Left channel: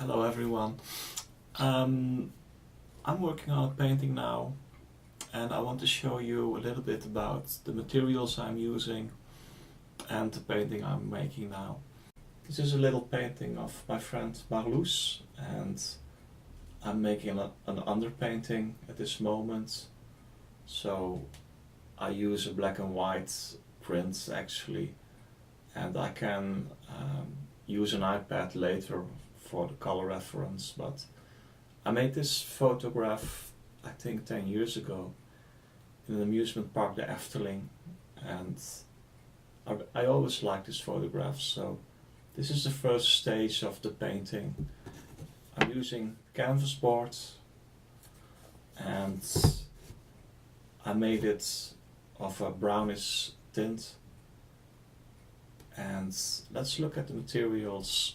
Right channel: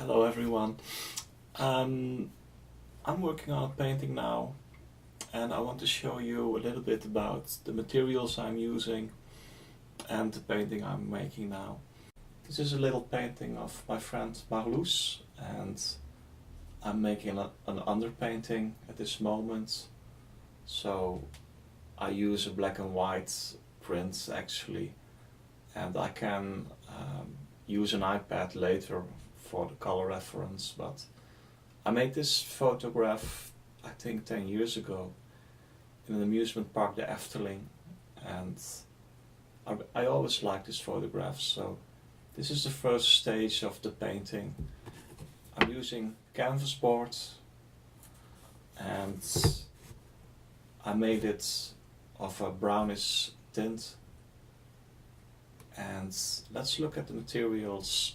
Hello everyone. I'm working on a painting now and I want to show you a little bit about the materials I'm using and the painting I'm making now. This is a little painting of my friend Marloes and I'm making an underpainting at this moment. So I use a black and white print actually, and I can use an iPad later for the color reference, but I made this photograph I think 10 years ago in an amusement park, the Efteling, and I always liked this photograph, so this is the first stage of the painting. I'm using canvas board and I made it of a brownish tint, and let's look at the materials.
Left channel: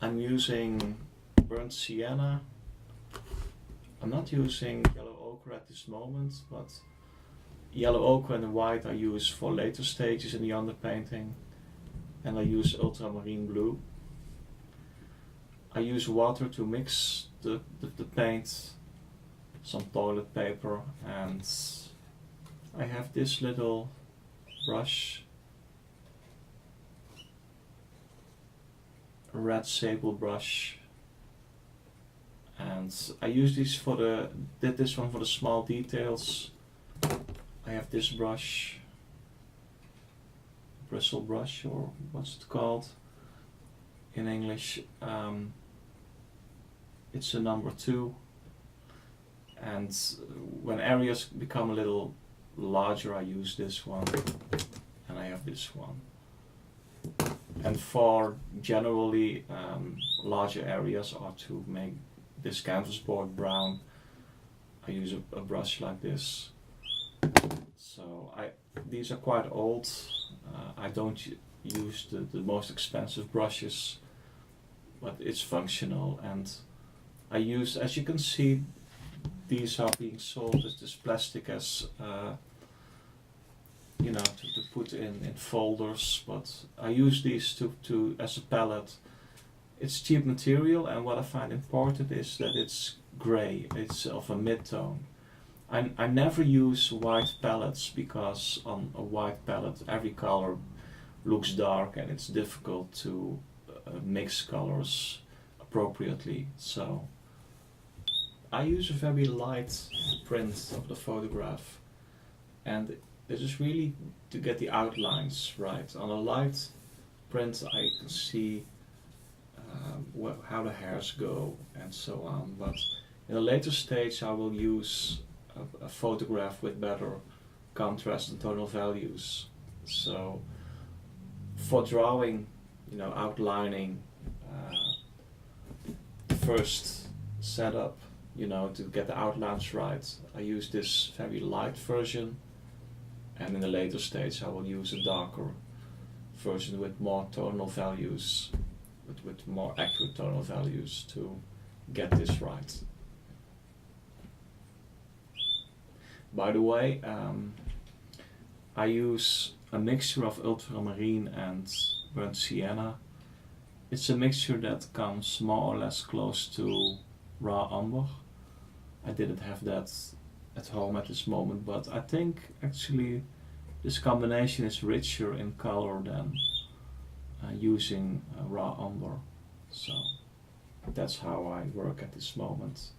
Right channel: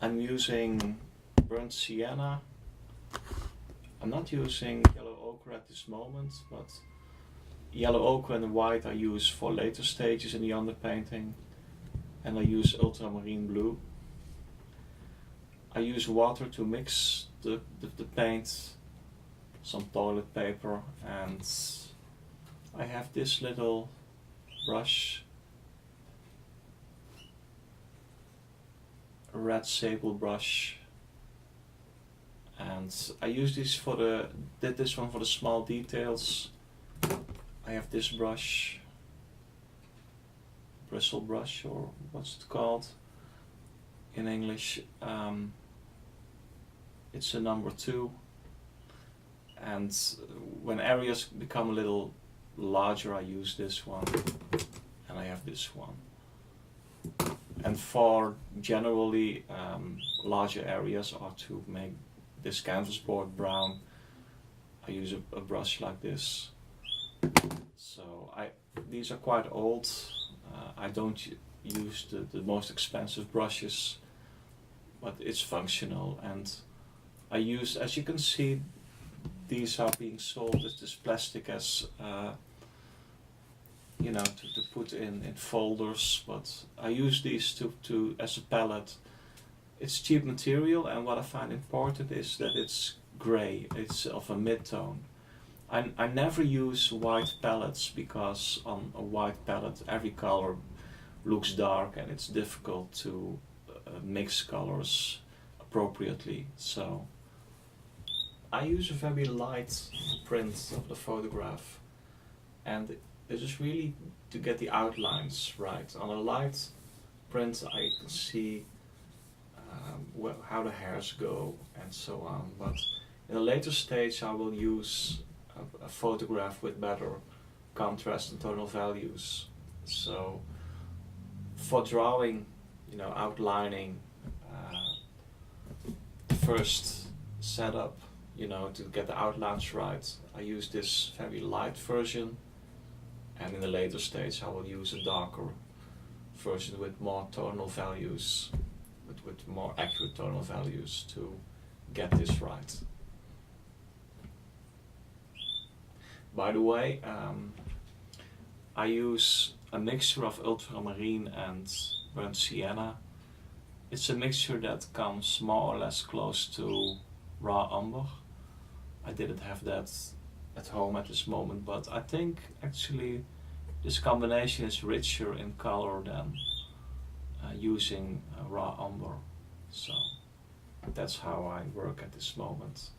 I'm using burnt sienna. I'm not using yellow ochre at this moment, but yellow ochre and white I use for later stages in the underpainting, and I use ultramarine blue. I use water to mix the paint, some toilet paper, and I have this little brush, a red Sable brush, and I use this did this one for the small details. I have this brush, Bristle brush, or what's it called in English. It's a number 2, and when areas become a little larger I use this one, and I have this one. And for generally larger areas, or to make this canvas board brown, I use a brush like this. So these are quite old. I don't use the most expensive brushes, but it's functional, and I use, as you can see, these are being sold as this plastic, as you know, to put in folders, but I use these to as a palette. It's cheap material, and what I find important is that it's grey, it's of a mid-tone. I never use white palettes, because on a white palette every color looks dark and it's difficult to mix colors appropriately. So I use a very light print of the photograph, and this is really to get the outlines right. On a light print I can see how the hairs go and so on, but in a later stage I will use a photograph with better contrast and tonal values. So for drawing, you know, outlining, first setup, you know, to get the outlines right, I use this very light version, and in the later stage I will use a darker version with more tonal values, with more accurate tonal values to get this right. By the way, I use a mixture of ultramarine and burnt sienna. It's a mixture that comes more or less close to raw umber. I didn't have that at home at this moment, but I think actually this combination is richer in color than using raw umber. So that's how I work at this moment.